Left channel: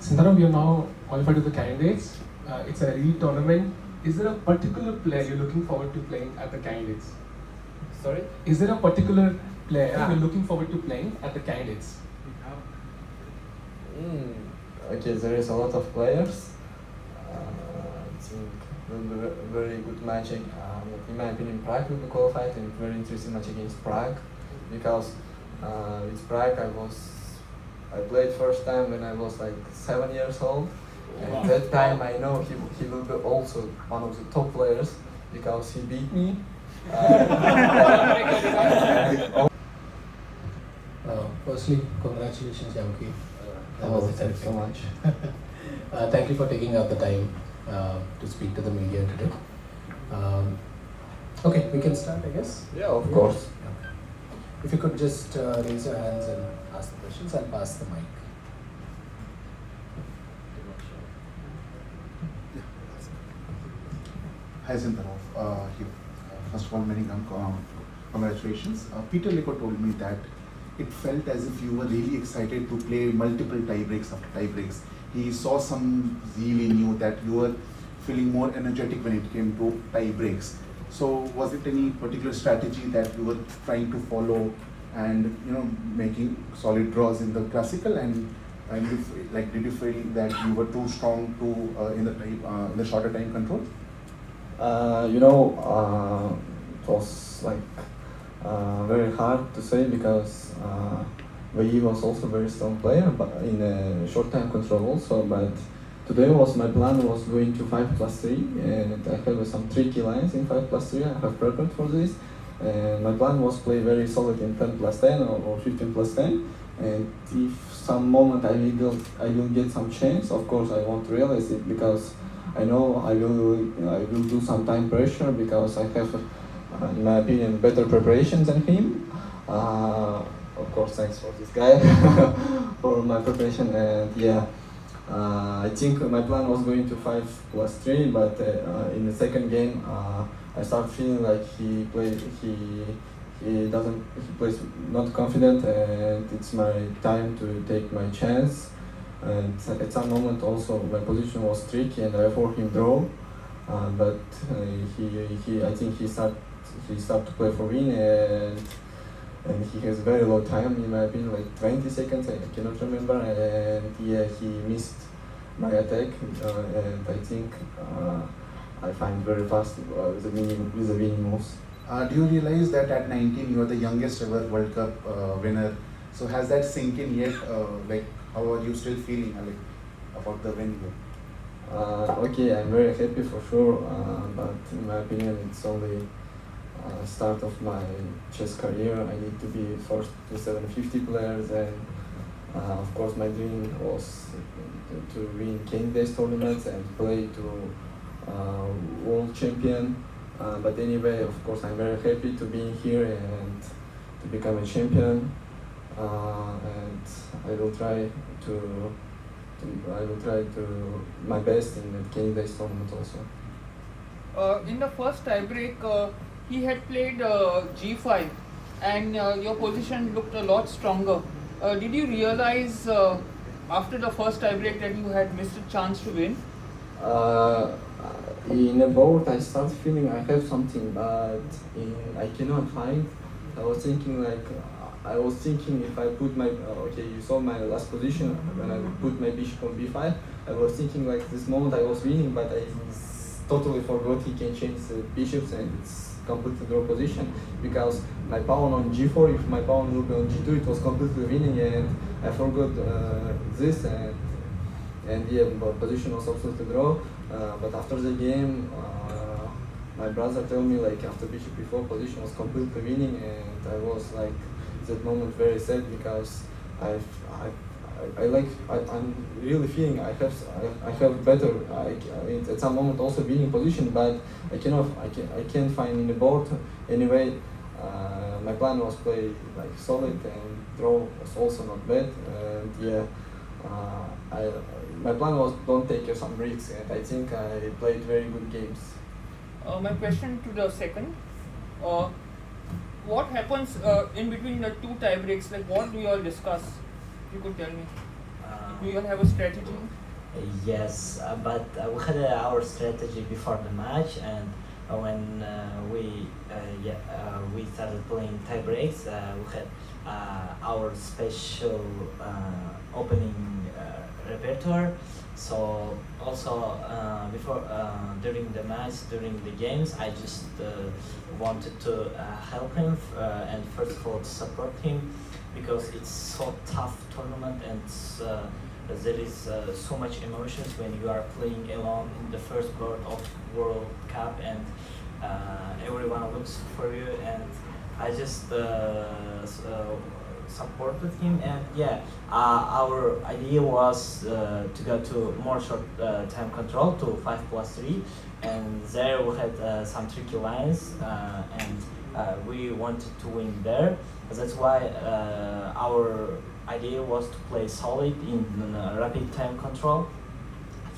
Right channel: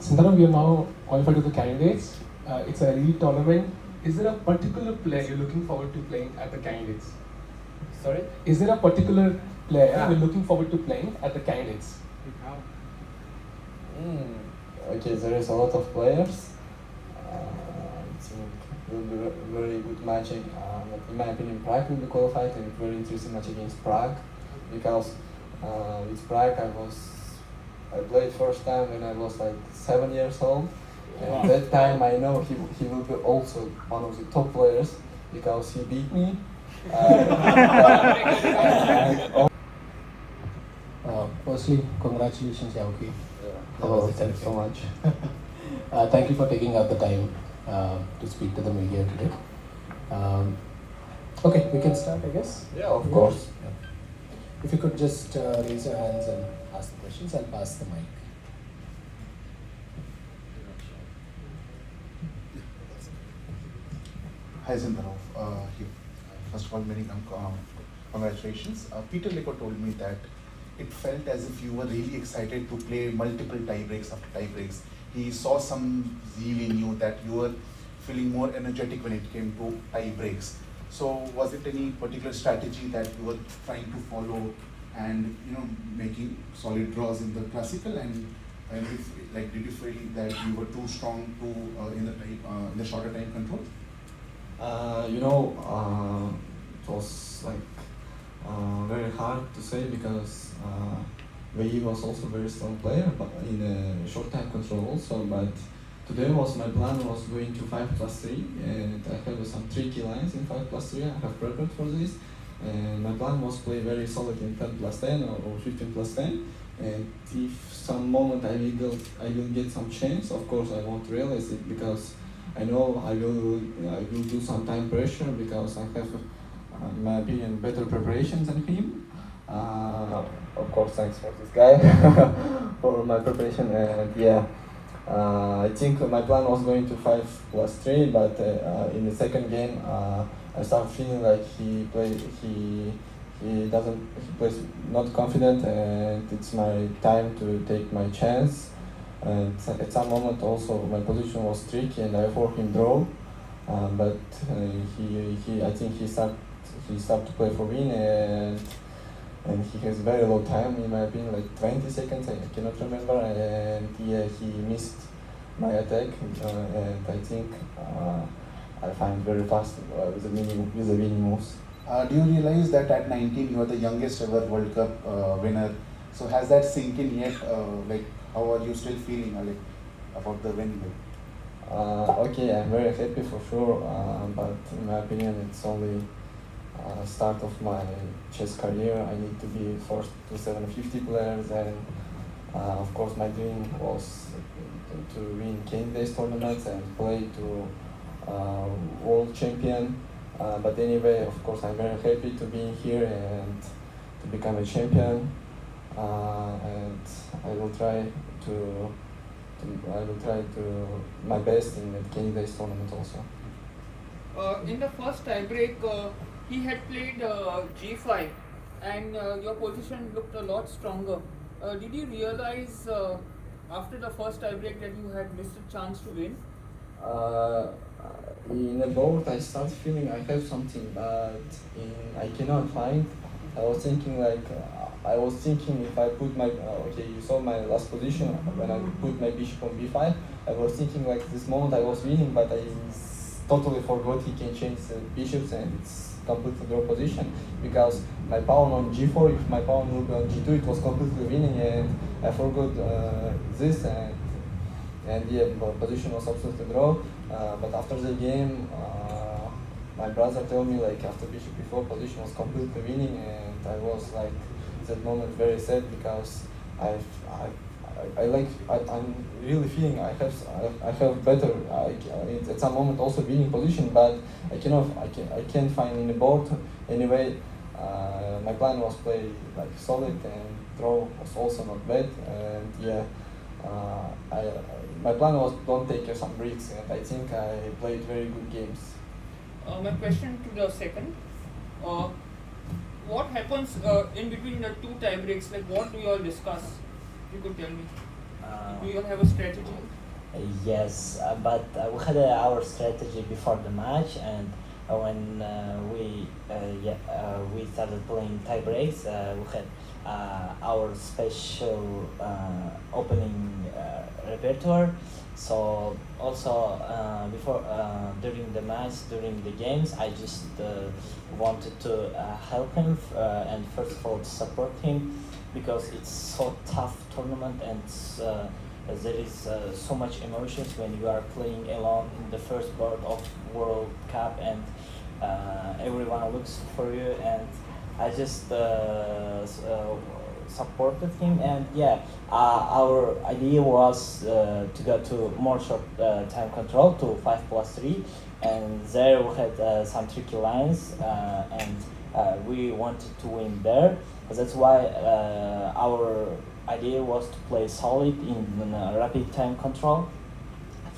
Sindarov, we are now qualified to the candidates. It's a elite tournament. Is there a particular player you're looking forward to playing at the candidates? Sorry? Is there a particular player you're looking forward to playing at the candidates? Okay, there is a lot of players. I think it will be a very good match. In my opinion, Prague will be qualified, and very interesting match against Prague, because with Prague I played first time when I was like 7 years old. And at that time I know he will be also one of the top players because he beat me. Firstly, congratulations, Javokhir. Thank you so much. Thank you for taking out the time to speak to the media today. Okay, we can start, I guess. Yeah, of course. Yeah. If you could just raise your hands and ask the questions, I'll pass the mic. Hi Sindarov, here. First of all, many congratulations. Peter Lico told me that it felt as if you were really excited to play multiple tie breaks after tie breaks. He saw some zeal in you, that you were feeling more energetic when it came to tie breaks. So was it any particular strategy that you were trying to follow and making solid draws in the classical, and did you feel that you were too strong to in the shorter time control? It was like very hard to say because Vayi was also a very strong player, but in a short time control also. But today my plan was going to 5+3, and I have some tricky lines in 5+3. I have prepared for this, and my plan was play very solid in 10+10 or 15+10. And if some moment I will get some chance, of course I won't realize it because I know I will do some time pressure because I have, in my opinion, better preparation than him. Of course, thanks for this guy for my preparation. And yeah, I think my plan was going to 5+3, but in the second game I started feeling like he plays not confident, and it's my time to take my chance. And at some moment also my position was tricky and I for him draw, but I think he started to play for win, and he has very low time, in my opinion, like 20 seconds, I cannot remember, and yeah, he missed my attack, and I think I find very fast with the winning moves. Do you realize that at 19 you are the youngest ever World Cup winner? So has that sink in yet? How are you still feeling about the win? Okay, I'm very happy for sure, but in my opinion it's only start of my chess career. I need to be first to 750 players, and of course my dream was to win candidates tournaments and play to world champion. But anyway, of course I'm very happy to be here and to become a champion, and I will try to my best in the candidates tournament also. In the first tiebreak, he had played G5, and your position looked a lot stronger. Did you realize after the first tiebreak that you had missed a chance to win? In a board, I start feeling I have something, but I cannot find. I was thinking if I put my you saw my last position when I put my bishop on b5. I was thinking like this moment I was winning, but I totally forgot he can change the bishops and it's completely draw position, because my pawn on g4, if my pawn will be on g2, it was completely winning, and I forgot this, and yeah, but position was absolutely draw. But after the game, my brother told me like after bishop b4 position was completely winning, and I was like that moment very sad because I'm really feeling I have better at some moment also winning position, but I can't find in the board. Anyway, my plan was play like solid, and draw was also not bad, and yeah, my plan was don't take some risks, and I think I played very good games. My question to the second, what happens in between the two tie breaks? Like, what do you all discuss? You could tell me. Do you have a strategy? Yes, but we had our strategy before the match, and when we started playing tie breaks, we had our special opening repertoire. So also before during the match, during the games, I just wanted to help him and first of all to support him, because it's so tough tournament, and there is so much emotions when you are playing alone in the first board of World Cup, and everyone looks for you, and I just supported him, and our idea was to go to more short time control to 5+3, and there we had some tricky lines, and we wanted to win there. That's why our idea was to play solid in rapid time control.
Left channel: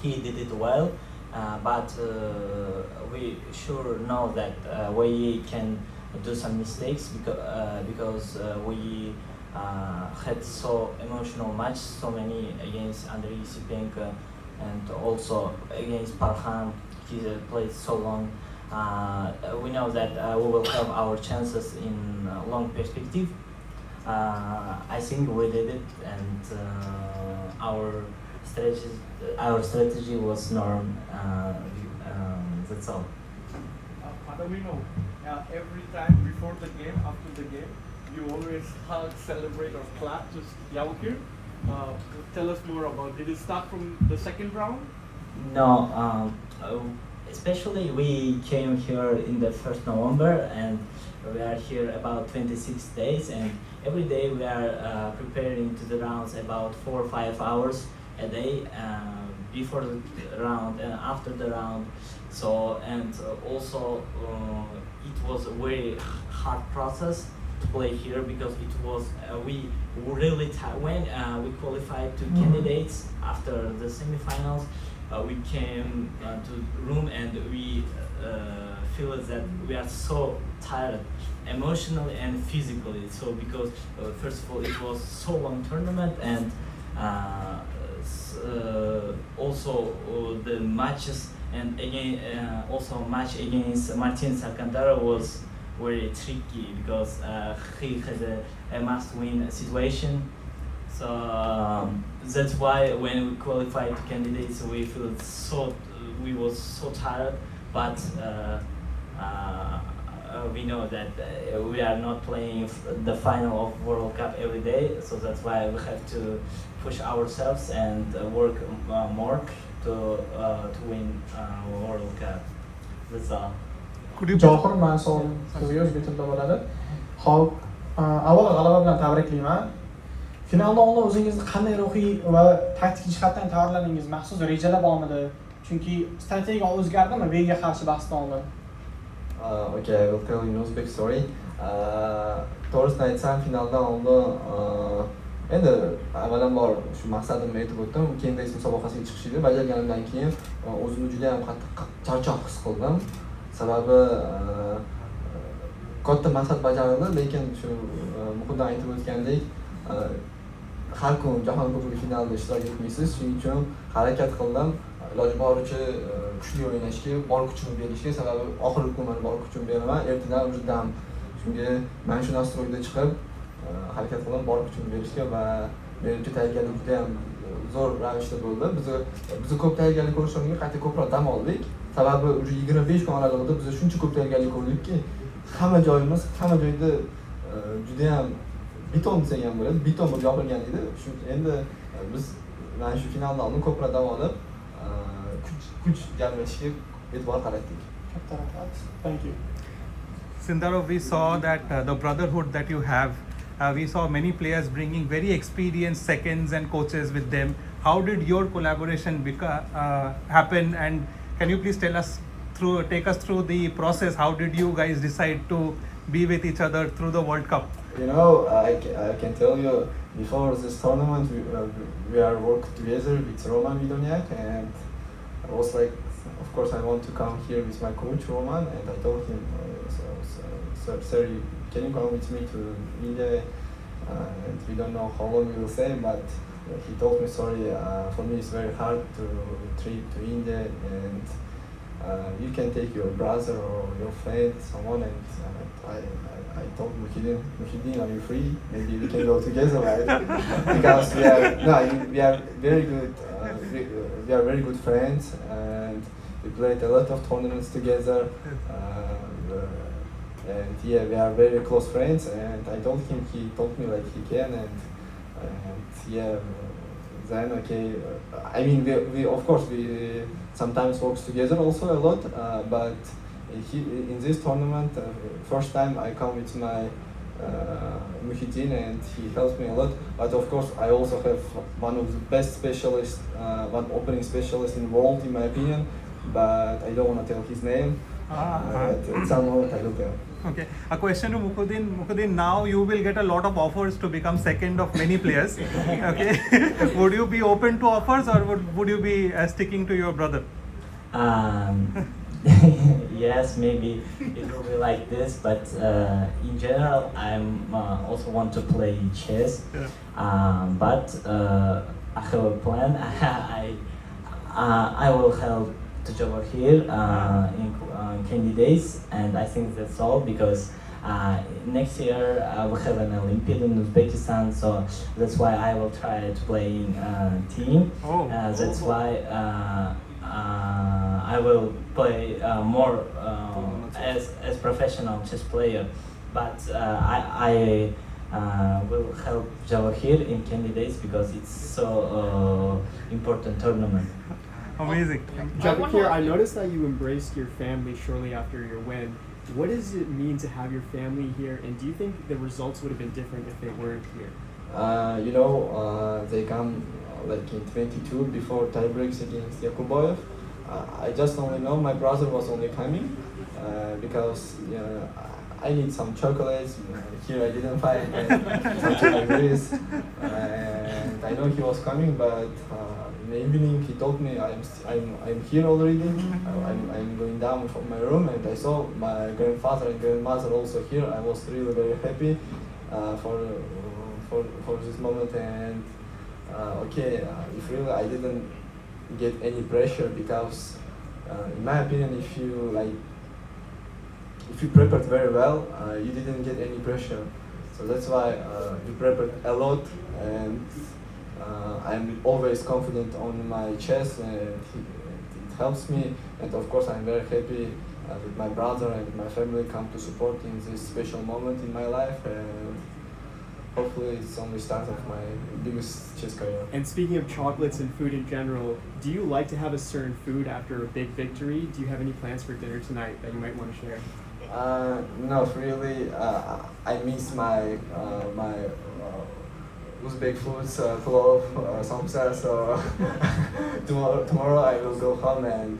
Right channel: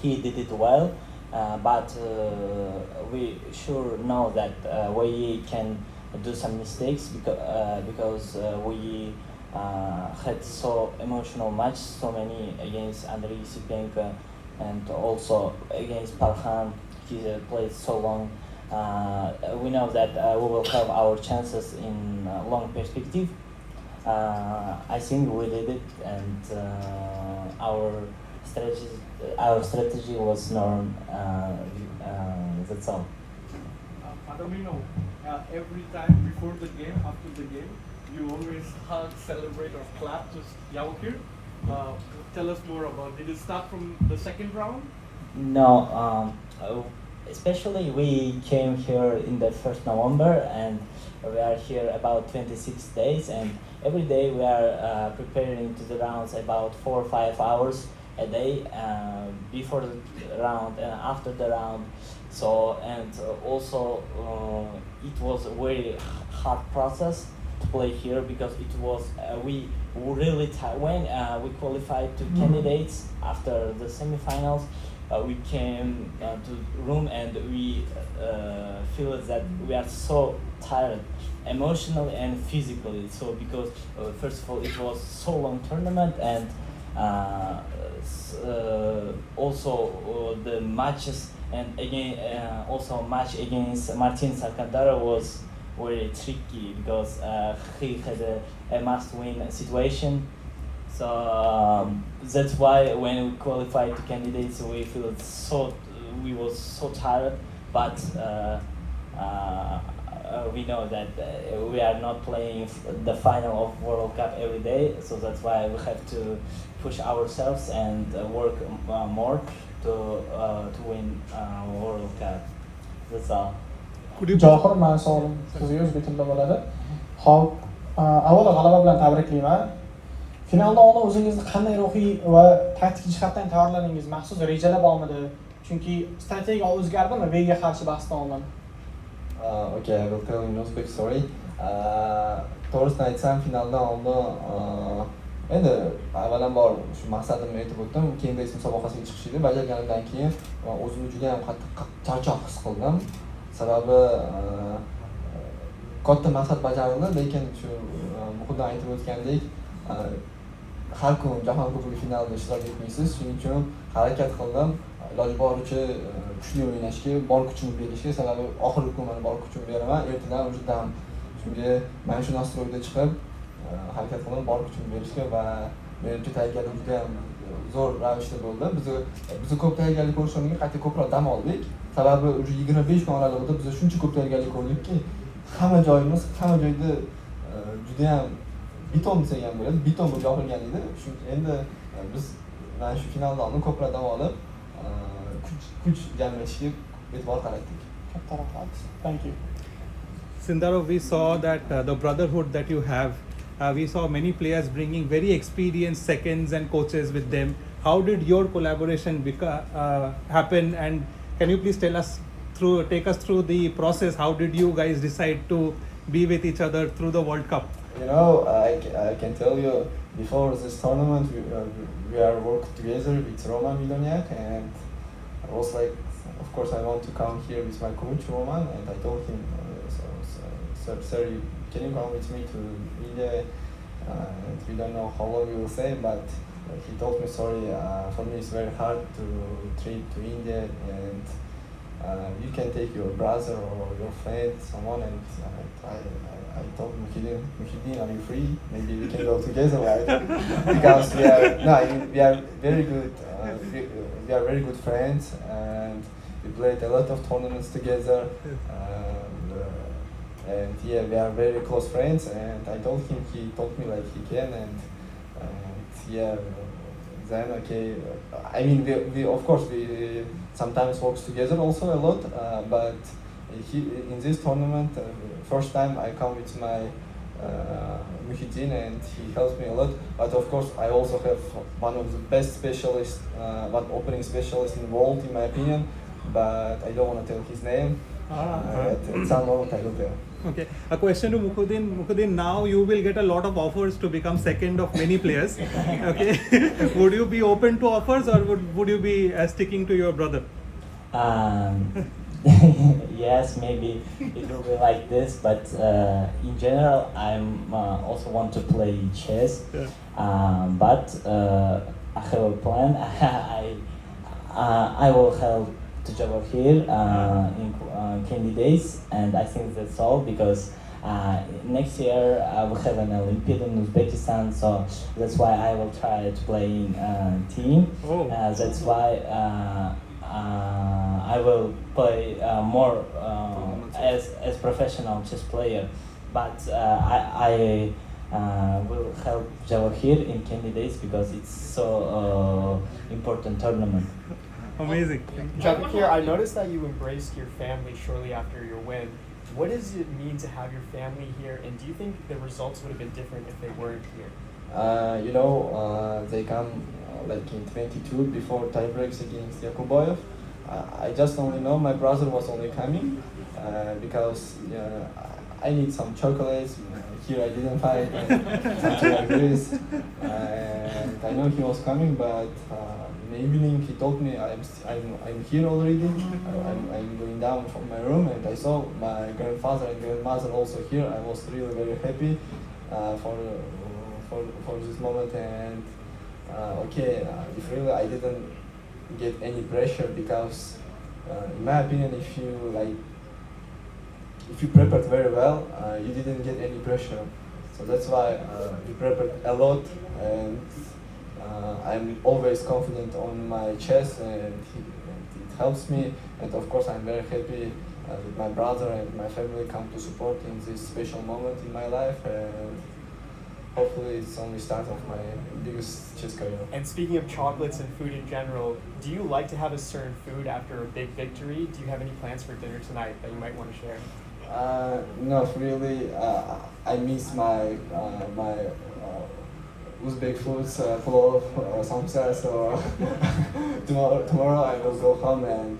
He did it well, but we sure know that we can do some mistakes because we had so emotional match, so many against Andrei Sipenko and also against Parham. He played so long. We know that we will have our chances in long perspective. I think we did it, and our strategy was norm. That's all. Adamino, every time before the game, after the game, you always hug, celebrate, or clap to Javokhir. Tell us more about. Did it start from the second round? No, especially we came here in the 1st November, and we are here about 26 days, and every day we are preparing to the rounds about 4 or 5 hours a day before the round and after the round. So, and also it was a very hard process to play here, because it was we really when we qualified to candidates after the semifinals. We came to room, and we feel that we are so tired, emotionally and physically. So because first of all it was so long tournament, and also the matches, and again also match against Martin Alcantara was very tricky, because he had a must-win situation. So that's why when we qualified to candidates, we was so tired. But we know that we are not playing the final of World Cup every day, so that's why we have to push ourselves and work more to win World Cup. That's all. Javokhir, men savolim sizga o'zbek tilida bo'ladi. Xo'p, avvalo g'alaba bilan tabriklayman. Finaldan oldin o'zingizni qanday ruhiy va taktik jihatdan tayyorladingiz? Maxsus rejalar bormidi? Chunki strategiya o'zgardimi Vega qarshi bahsdan oldin? Okay, I will tell in Uzbek story. To'g'risini aytsam, finaldan oldin endi avvalambor shu maqsadimni aytib o'tdim. Keyingi musobaqasiga chiqish edi. Bajarganimdan keyin o'zimni juda ham qattiq charchoq his qildim. Sababi katta maqsad bajarildi, lekin shu muqaddam aytib o'tgandek har kun jahon kubogi finalida ishtirok etmaysiz. Shuning uchun harakat qildim. Iloji boricha kuchli o'ynashga, bor kuchimni berishga, sababi oxirgi kun men bor kuchimni beraman. Ertadan o'zimdan shunga men shu nastroyda chiqib harakat qildim, bor kuchimni berishga, va menimcha tayyorgarlik juda ham zo'r ravishda bo'ldi. Biz ko'p tayyorgarlik ko'rish o'rniga qayta ko'proq dam oldik. Sababi 25 kun oralig'ida biz shuncha ko'p tayyorgarlik ko'rdikki, hamma joyimiz, hamma joyda juda ham beton desak ham bo'ladi, beton bo'lib yopilgan edi. Endi biz mana shu finaldan oldin ko'proq dam olib, kuch jamlashga e'tibor qaratdik. Katta rahmat. Thank you. Sindarov, we saw that the brotherhood that you have, we saw many players bringing very experienced seconds and coaches with them. How did your collaboration happen, and can you please take us through the process? How did you guys decide to be with each other through the World Cup? You know, I can tell you, before this tournament, we are working together with Roman Miloniak, and I was like, of course, I want to come here with my coach Roman, and I told him, sir, can you come with me to India? And we don't know how long we will stay, but he told me, sorry, for me it's very hard to trip to India, and you can take your brother or your friend, someone, and I told Muhyiddin, are you free? Maybe we can go together, right? Because we are very good, we are very good friends, and we played a lot of tournaments together. And yeah, we are very close friends, and I told him, he told me like he can, and yeah, then okay. I mean, we of course we sometimes works together also a lot, but in this tournament, first time I come with my Muhyiddin, and he helps me a lot. But of course, I also have one of the best specialists, one opening specialist in the world, in my opinion. But I don't want to tell his name. But at some moment I will tell. Okay, a question to Mukhuddin. Mukhuddin, now you will get a lot of offers to become second of many players. Okay, would you be open to offers, or would you be sticking to your brother? Yes, maybe it will be like this, but in general, I'm also want to play chess. Yeah. But I have a plan. I will help to Javokhir in candidates, and I think that's all, because next year I will have an Olympiad in Uzbekistan, so that's why I will try to play in team. Oh. That's why I will play more as professional chess player, but I will help Javokhir in candidates because it's so important tournament. Amazing. Javokhir, I noticed that you embraced your family shortly after your win. What does it mean to have your family here, and do you think the results would have been different if they weren't here? They come like in 22 before tiebreaks against Yakuboyev. I just only know my brother was only coming because I need some chocolates. Here I didn't find something like this, and I know he was coming, but in the evening he told me I'm here already. I'm going down from my room, and I saw my grandfather and grandmother also here. I was really very happy for this moment, and if really I didn't get any pressure, because in my opinion, if you prepared very well, you didn't get any pressure. So that's why we prepared a lot, and I'm always confident on my chess, and it helps me. And of course, I'm very happy that my brother and my family come to support in this special moment in my life, and hopefully it's only start of my biggest chess career. And speaking of chocolates and food in general, do you like to have a certain food after a big victory? Do you have any plans for dinner tonight that you might want to share? Not really. I miss my Uzbek foods, plov, samsa, so tomorrow I will go home and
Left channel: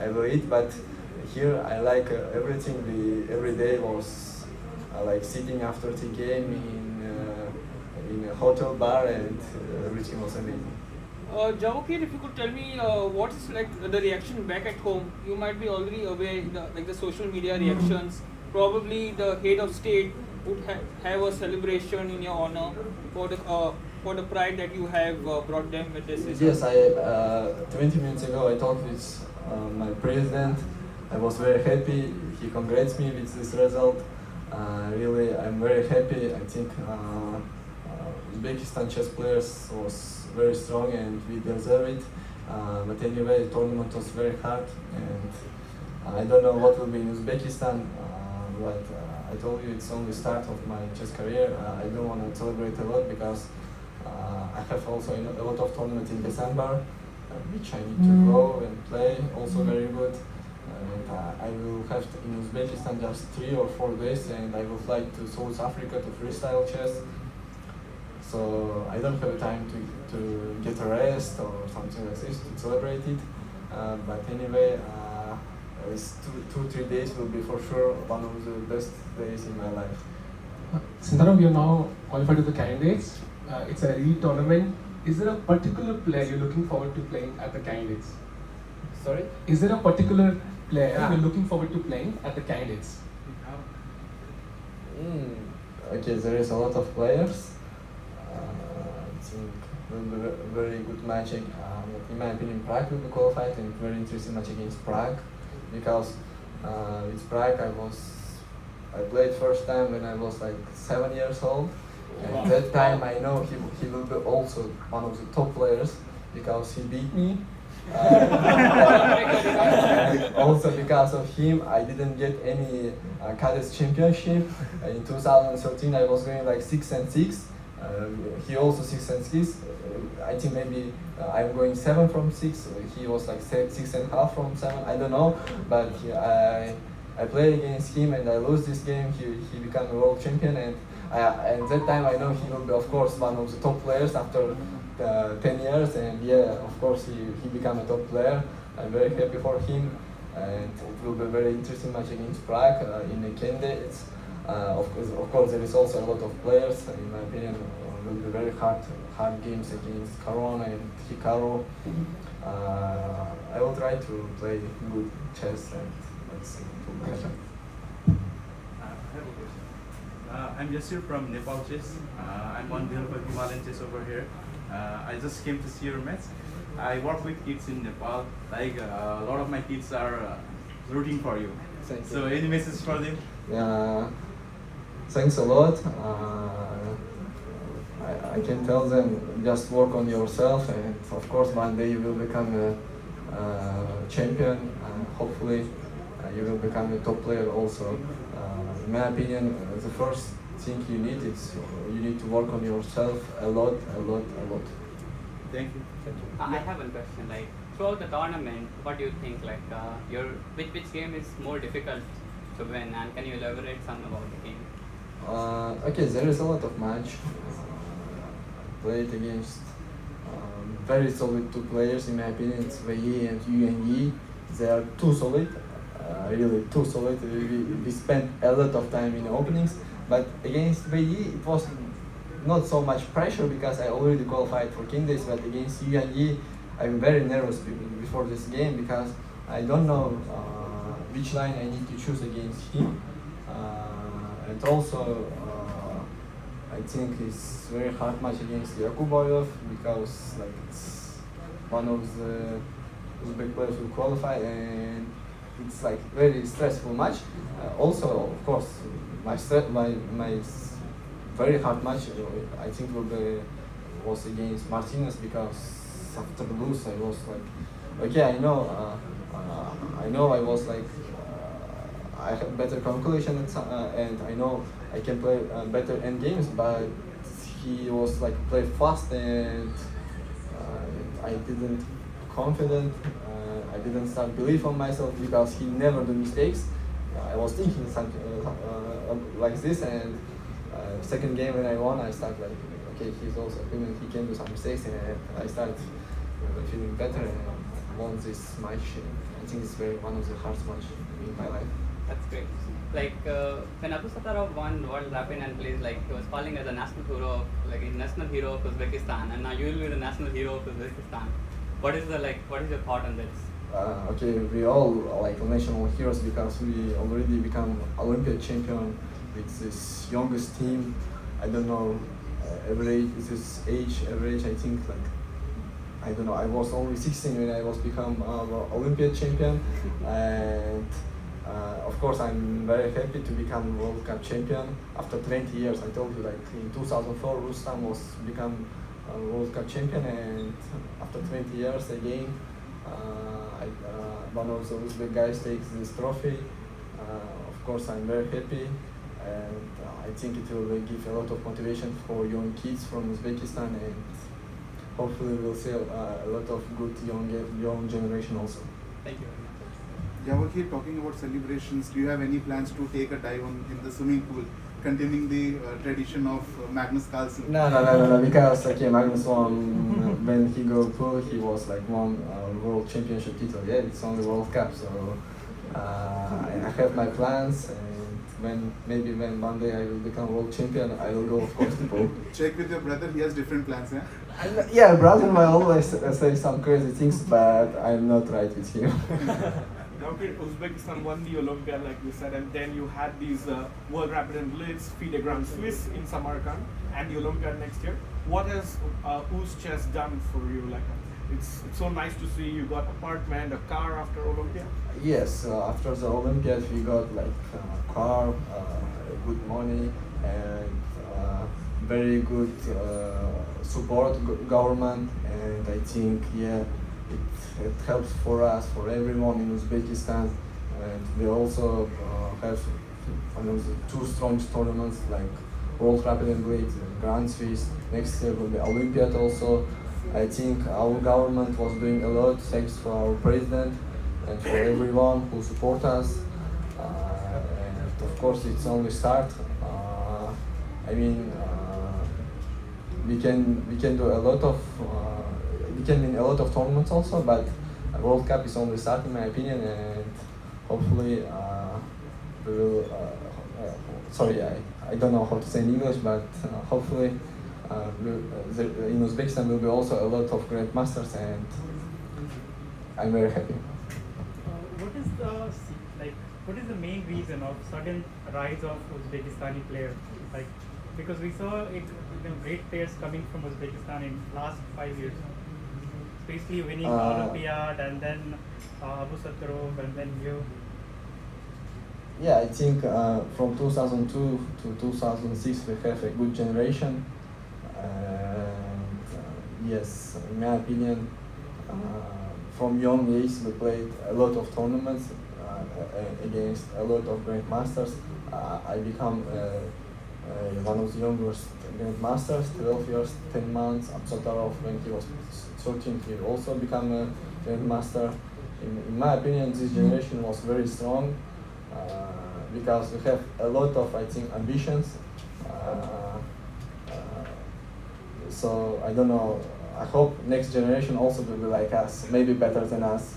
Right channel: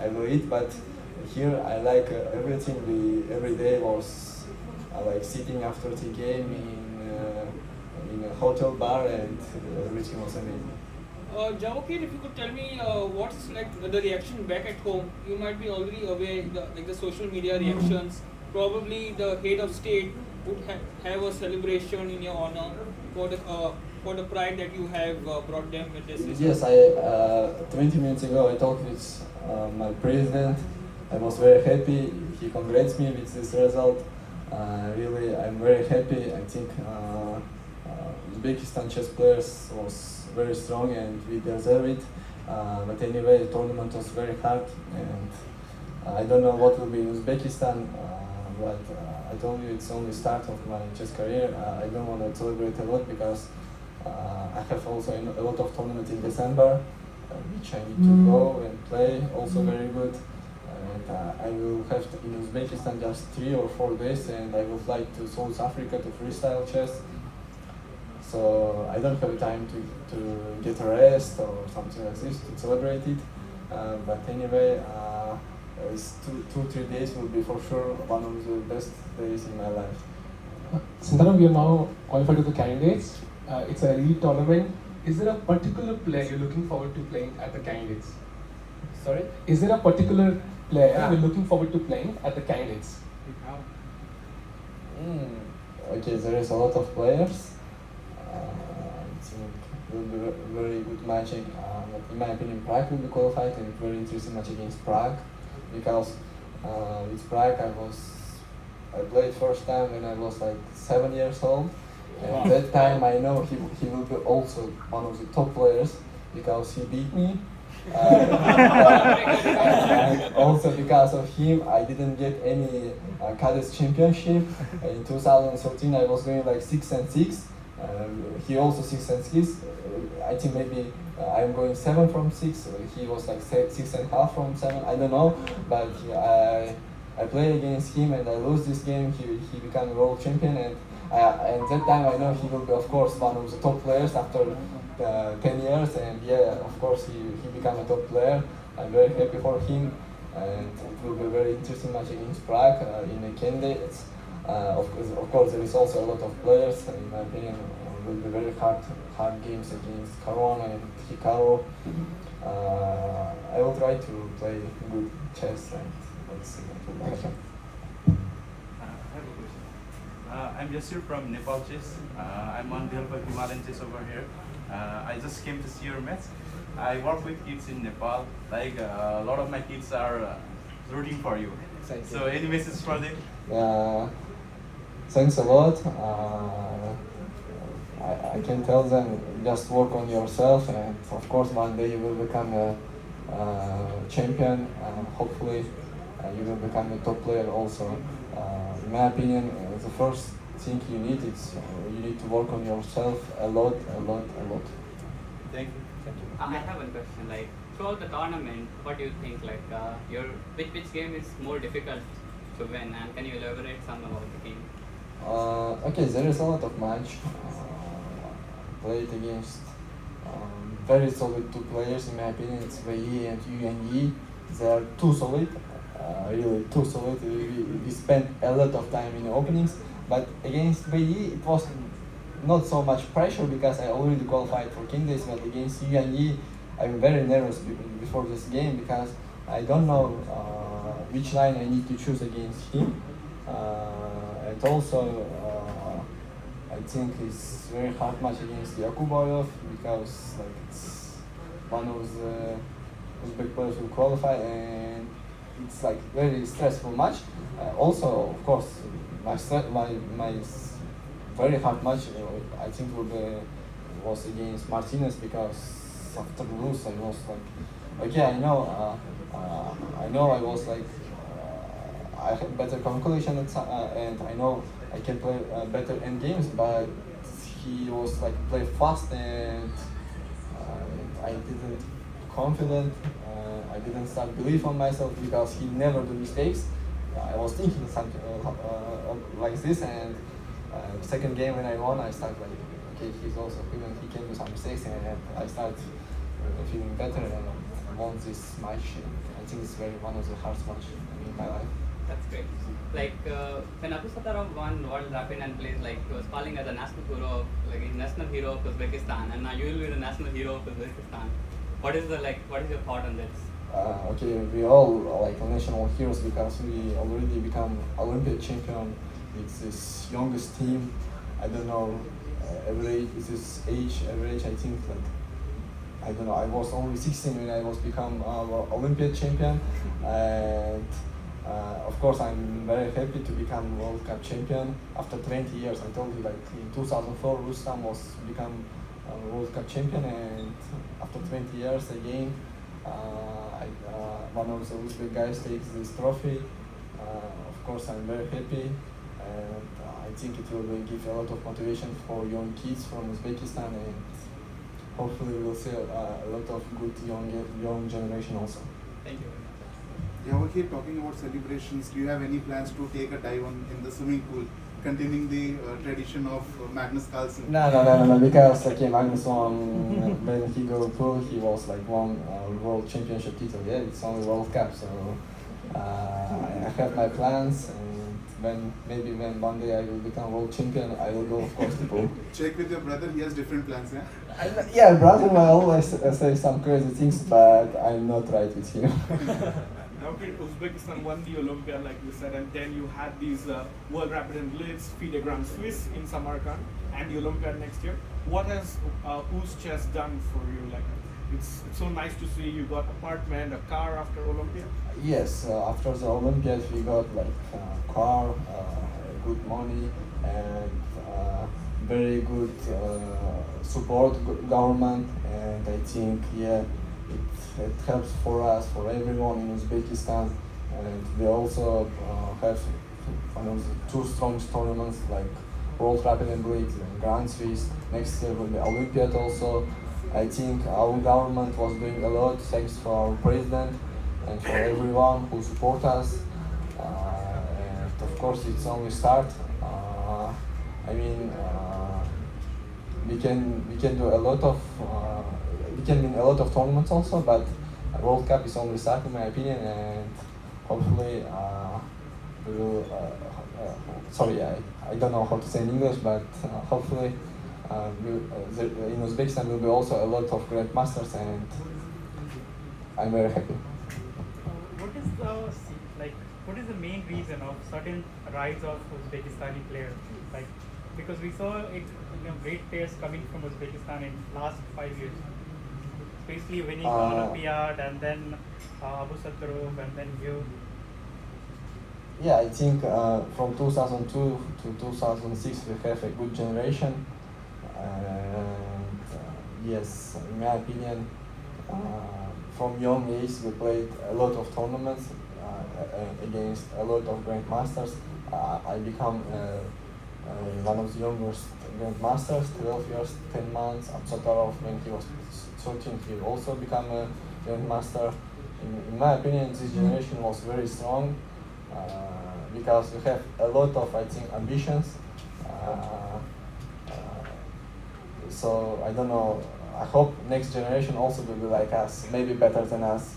I will eat, but here I like everything. Every day was like sitting after the game in a hotel bar, and everything was amazing. Javokhir, if you could tell me what's like the reaction back at home. You might be already aware, the social media reactions. Probably the head of state would have a celebration in your honor for the pride that you have brought them with this. Yes, 20 minutes ago I talked with my president. I was very happy. He congrats me with this result. Really, I'm very happy. I think Uzbekistan chess players was very strong, and we deserve it. But anyway, the tournament was very hard, and I don't know what will be in Uzbekistan. But I told you it's only start of my chess career. I don't want to celebrate a lot because I have also a lot of tournaments in December, which I need to go and play. Also very good. And I will have in Uzbekistan just 3 or 4 days, and I will fly to South Africa to freestyle chess. So I don't have time to get a rest or something like this to celebrate it. But anyway, it's 2-3 days will be for sure one of the best days in my life. Sindarov, we are now qualified to the candidates. It's a elite tournament. Is there a particular player you're looking forward to playing at the candidates? Sorry? Is there a particular player you're looking forward to playing at the candidates? Okay, there is a lot of players. I think will be a very good match. In my opinion, Prague will be qualified, and very interesting match against Prague, because with Prague I played first time when I was like 7 years old. And that time I know he will be also one of the top players because he beat me. And also because of him I didn't get any cadets championship. In 2013 I was going like 6-6. He also 6-6. I think maybe I'm going 7 from 6. He was like 6.5 from 7. I don't know, but I played against him and I lose this game. He became a world champion, and that time I know he will be of course one of the top players after 10 years, and yeah, of course he became a top player. I'm very happy for him, and it will be a very interesting match against Prague in the candidates. Of course there is also a lot of players. In my opinion, will be very hard games against Caruana and Hikaru. I will try to play good chess, and let's see. I'm Jasir from Nepal Chess. I'm on behalf of Himalayan Chess over here. I just came to see your match. I work with kids in Nepal. Like a lot of my kids are rooting for you. Thank So any message for them? Thanks a lot. I can tell them just work on yourself, and of course one day you will become a champion. Hopefully you will become a top player also. In my opinion, the first thing you need is you need to work on yourself a lot. Thank you. I have one question. Like throughout the tournament, what do you think? Like which game is more difficult to win, and can you elaborate some about the game? Okay, there is a lot of match. Played against very solid two players. In my opinion, it's Wei and Yuan Yi. They are too solid. Really too solid. We spent a lot of time in the openings, but against Wei it was not so much pressure because I already qualified for candidates. But against Yuan Yi, I'm very nervous before this game because I don't know which line I need to choose against him, and also I think it's very hard match against Yakuboyev because like, it's one of the Uzbek players who qualify, and it's like very stressful match. Also, of course, my very hard match I think was against Martinez because after lose I was like, okay, I know I was like I have better calculation and I know I can play better end games, but he was like play fast and I didn't confident. I didn't start believe on myself because he never do mistakes. I was thinking something like this, and second game when I won, I started like, okay, he's also human, he can do some mistakes, and I started feeling better and won this match. I think it's one of the hardest match in my life. That's great. Like when Abu Satarov won World Rapid and plays, like he was calling as a national hero of Uzbekistan, and now you will be the national hero of Uzbekistan. What is your thought on this? Okay, we all are like national heroes because we already become Olympic champion with this youngest team. I don't know average I think like I don't know. I was only 16 when I was become Olympic champion, and of course I'm very happy to become World Cup champion after 20 years. I told you like in 2004 Rustam was become World Cup champion, and after 20 years again one of the Uzbek guys takes this trophy. Of course I'm very happy, and I think it will give a lot of motivation for young kids from Uzbekistan, and hopefully we'll see a lot of good young generation also. Thank you. Javokhir, talking about celebrations, do you have any plans to take a dive in the swimming pool, continuing the tradition of Magnus Carlsen? No, because okay, Magnus won when he go pool, he was like won world championship title. Yeah, it's only World Cup, so I have my plans, and when one day I will become world champion, I will go of course to pool. Check with your brother, he has different plans, yeah? Yeah, brother will always say some crazy things, but I'm not right with him. Javokhir, Uzbekistan won the Olympia, like you said, and then you had these World Rapid and Blitz, FIDE Grand Swiss in Samarkand, and the Olympiad next year. What has Uz Chess done for you? Like, it's so nice to see you got apartment, a car after Olympia. Yes, after the Olympiad we got like car, good money, and very good support government, and I think it helps for us, for everyone in Uzbekistan, and we also have one of the two strong tournaments like World Rapid and Blitz, Grand Swiss. Next year will be Olympiad also. I think our government was doing a lot, thanks to our president and for everyone who support us. And of course it's only start. I mean, we can do a lot of we can win a lot of tournaments also, but World Cup is only start in my opinion, and hopefully we will. Sorry, I don't know how to say in English, but hopefully in Uzbekistan will be also a lot of great masters, and I'm very happy. What is the main reason of sudden rise of Uzbekistani players? Like, because we saw it, great players coming from Uzbekistan in last 5 years, especially winning Olympiad and then Abu Satarov and then you. Yeah, I think from 2002 to 2006 we have a good generation. And yes, in my opinion, from young age we played a lot of tournaments against a lot of grandmasters. I become one of the youngest grandmasters, 12 years, 10 months. Absatarov, when he was 13, he also became a grandmaster. In my opinion, this generation was very strong because we have a lot of, I think, ambitions. So I don't know, I hope next generation also will be like us, maybe better than us.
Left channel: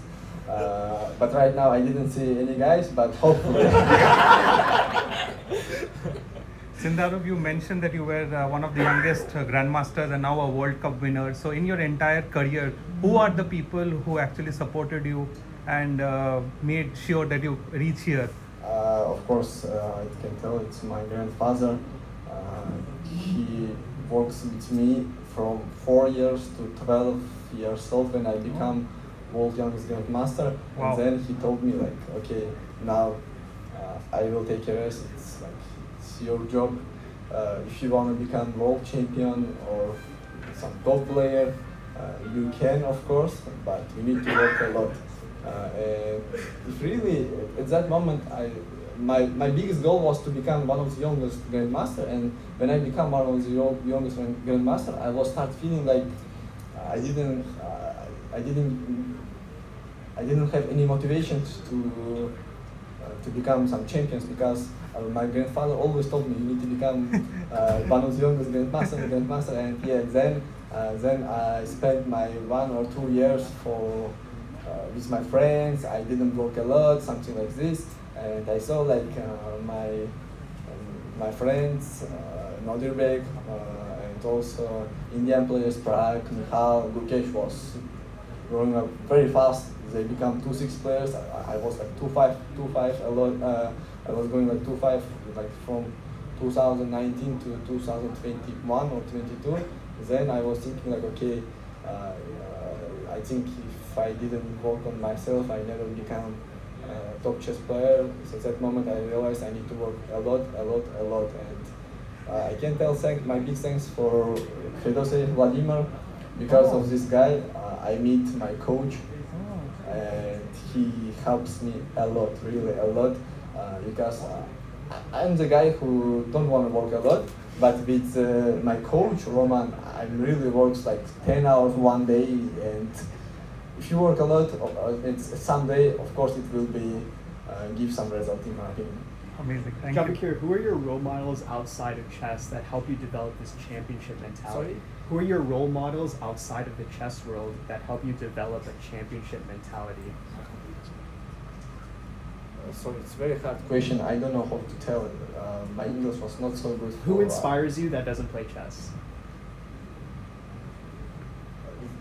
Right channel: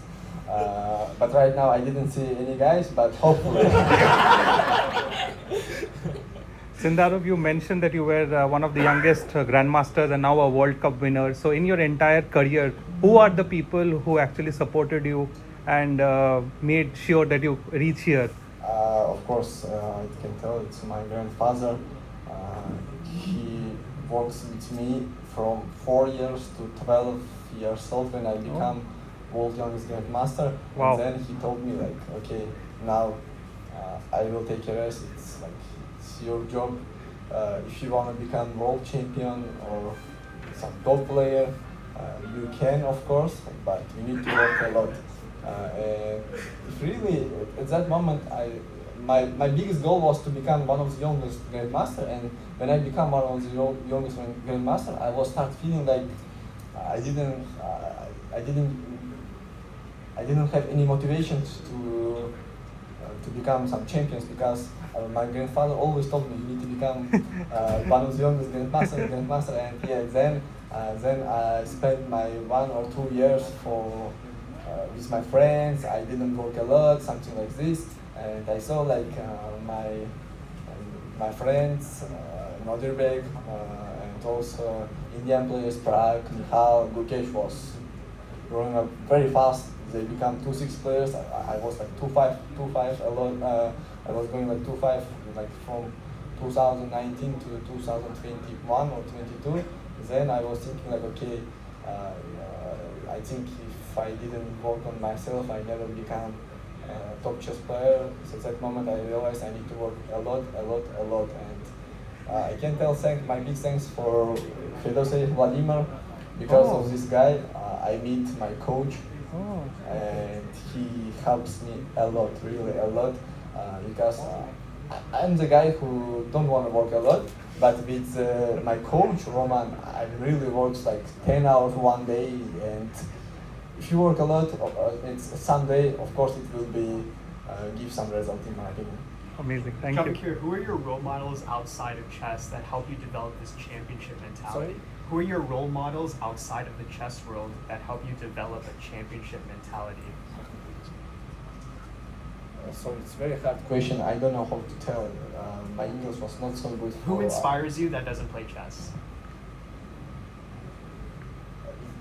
But right now I didn't see any guys, but hopefully. Sindarov, you mentioned that you were one of the youngest grandmasters and now a World Cup winner. So in your entire career, who are the people who actually supported you and made sure that you reach here? Of course, I can tell it's my grandfather. He works with me from 4 years to 12 years old when I become world youngest grandmaster. Wow. And then he told me like, okay, now I will take a rest. It's like it's your job. If you want to become world champion or some top player, you can of course, but you need to work a lot. And if really at that moment my biggest goal was to become one of the youngest grandmaster, and when I become one of the youngest grandmaster, I was start feeling like I didn't have any motivation to become some champions, because my grandfather always told me you need to become one of the youngest grandmaster, and yeah, then I spent my 1 or 2 years with my friends. I didn't work a lot, something like this. And I saw like my friends, Uzbek, and also Indian players, Pragg, Nihal, Gukesh was growing up very fast. They become 2-6 players. I was like 2-5 a lot. I was going like 2-5 like from 2019 to 2021 or 22. Then I was thinking like, okay, I think if I didn't work on myself, I never become top chess player. So at that moment I realized I need to work a lot. And I can tell my big thanks for Fedosey Vladimir. Because of this guy, I meet my coach, and he helps me a lot, really a lot, because I'm the guy who don't want to work a lot, but with my coach, Roman, I really works like 10 hours one day, and if you work a lot, it's someday, of course, it will be give some result in my opinion. Amazing, thank you. Javokhir, who are your role models outside of chess that help you develop this championship mentality? Sorry? Who are your role models outside of the chess world that help you develop a championship mentality? Sorry, it's a very hard question. I don't know how to tell. My English was not so good. Who inspires you that doesn't play chess?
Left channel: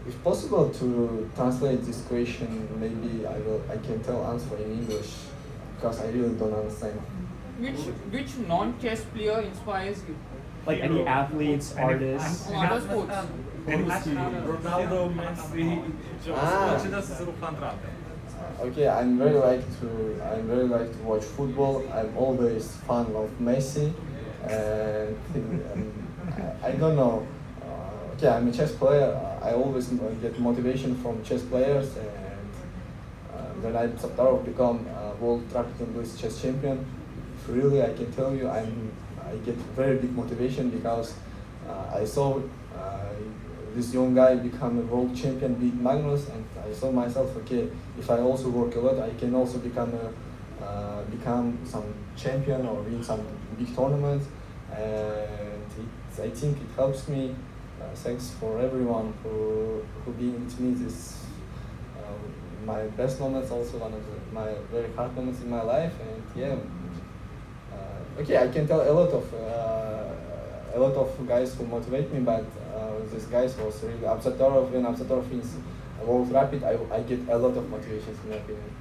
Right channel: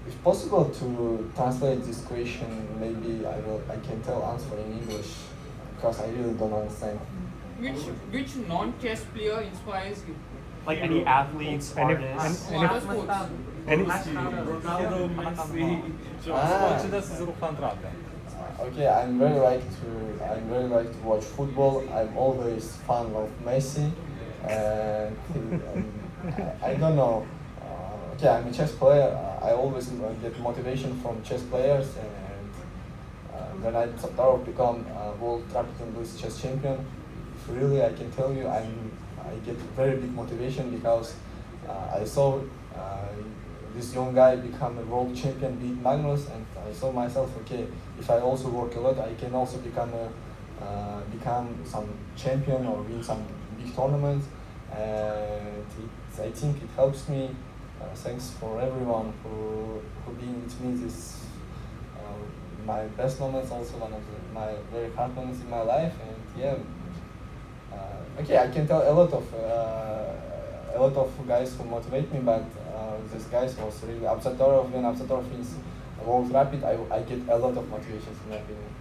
If if possible to translate this question, maybe I can tell answer in English because I really don't understand. Which non-chess player inspires you? Like any athletes, artists. Other sports. Ronaldo, Messi, Okay, I'm very like to watch football. I'm always fan of Messi, and I don't know. Okay, I'm a chess player. I always get motivation from chess players, and when I Saptarov become world rapid English chess champion, really I can tell you I get very big motivation because I saw this young guy become a world champion, beat Magnus, and I saw myself, okay, if I also work a lot, I can also become some champion or win some big tournaments, and I think it helps me. Thanks for everyone who being with me this my best moments, also one of my very hard moments in my life, and yeah. Okay, I can tell a lot of guys who motivate me, but these guys was really Absatorov. When Absatorov is world rapid, I get a lot of motivation in my opinion.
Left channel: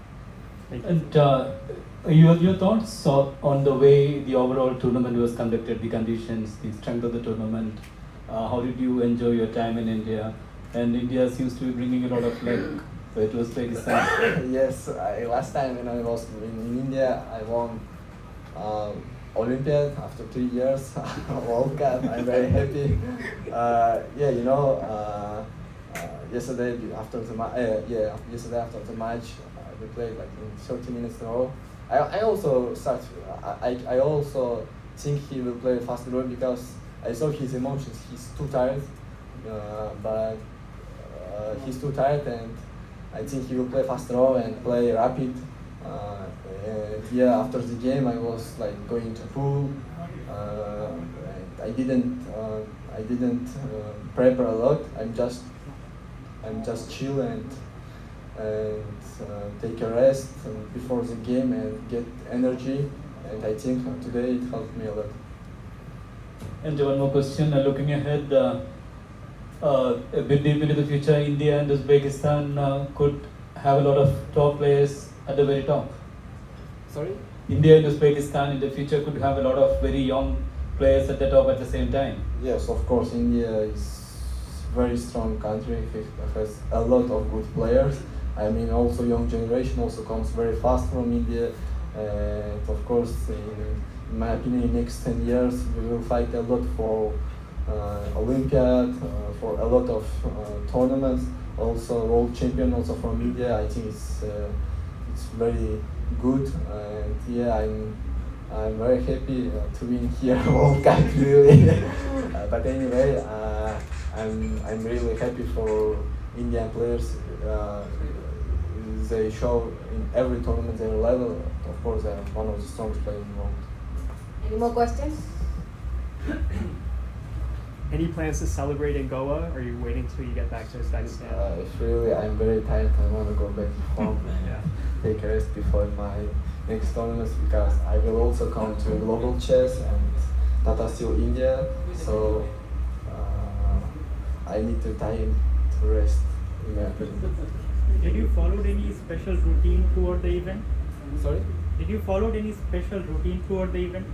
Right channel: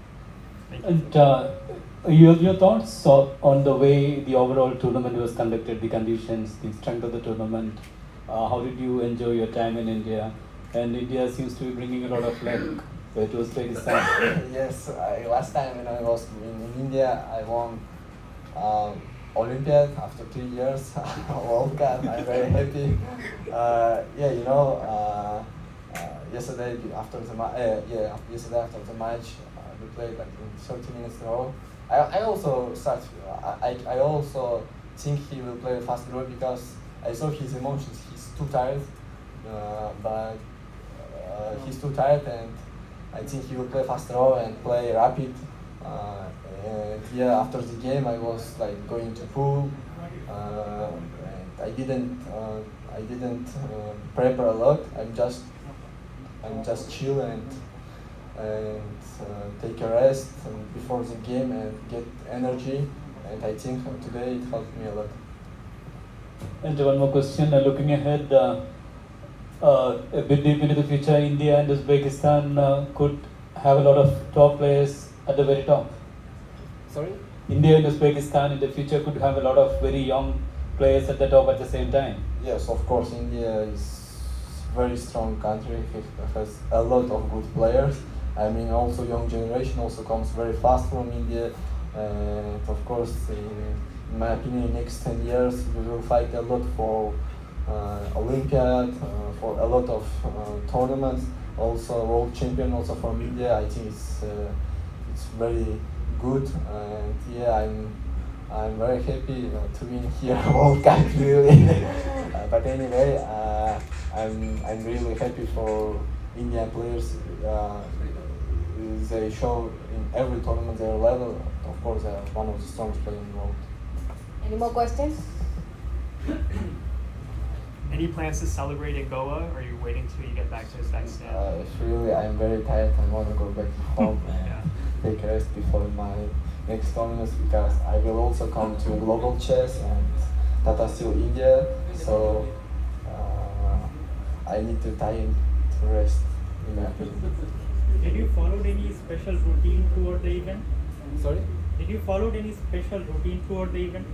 And your thoughts on the way the overall tournament was conducted, the conditions, the strength of the tournament. How did you enjoy your time in India? And India seems to be bringing a lot of luck. So it was Pakistan. Yes, last time when I was in India, I won Olympiad after 3 years. World Cup. I'm very happy. Yeah, you know, yesterday after the match, we played like in 30 minutes in a row. I also think he will play fast draw because I saw his emotions. He's too tired, he's too tired, and I think he will play fast draw and play rapid. And yeah, after the game, I was like going to pool. And I didn't prepare a lot. I'm just chill and take a rest before the game and get energy. And I think today it helped me a lot. And one more question, looking ahead, a bit deep into the future, India and Uzbekistan could have a lot of top players at the very top. Sorry? India and Uzbekistan in the future could have a lot of very young players at the top at the same time. Yes, of course, India is a very strong country. It has a lot of good players. I mean, also young generation also comes very fast from India. And of course, in my opinion, in the next 10 years, we will fight a lot for Olympiad, for a lot of tournaments. Also, world champion also from India. I think it's very good, and yeah, I'm very happy to win here World Cup really. But anyway, I'm really happy for Indian players. They show in every tournament their level. Of course, they are one of the strongest players in the world. Any more questions? Any plans to celebrate in Goa, or are you waiting till you get back to Uzbekistan? Really, I'm very tired. I want to go back home and take a rest before my next tournament because I will also come to Global Chess and Tata Steel India. So I need time to rest. Did you follow any special routine toward the event? Sorry? Did you follow any special routine toward the event?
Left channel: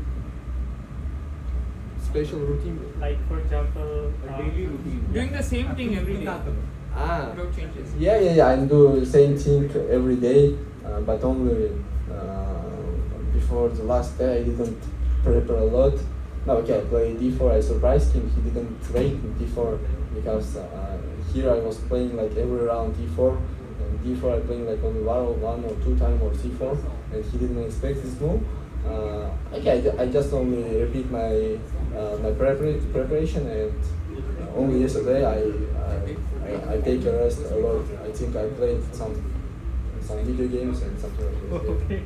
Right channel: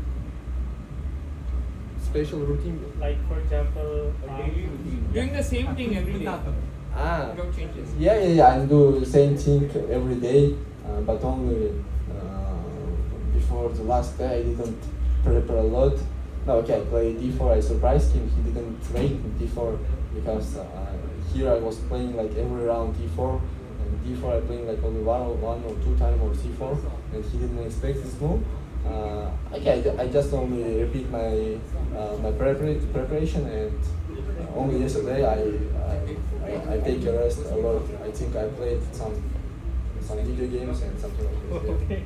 Special routine? Like, for example, daily routine. Doing the same thing every day. Without changes. Yeah. I do the same thing every day, but only before the last day I didn't prepare a lot. No, okay, I played d4. I surprised him. He didn't wait d4 because here I was playing like every round d4. D4 I playing like only one or two times or c4, and he didn't expect this move. Okay, I just only repeat my preparation, and only yesterday I take a rest a lot. I think I played some video games and something like this. Okay.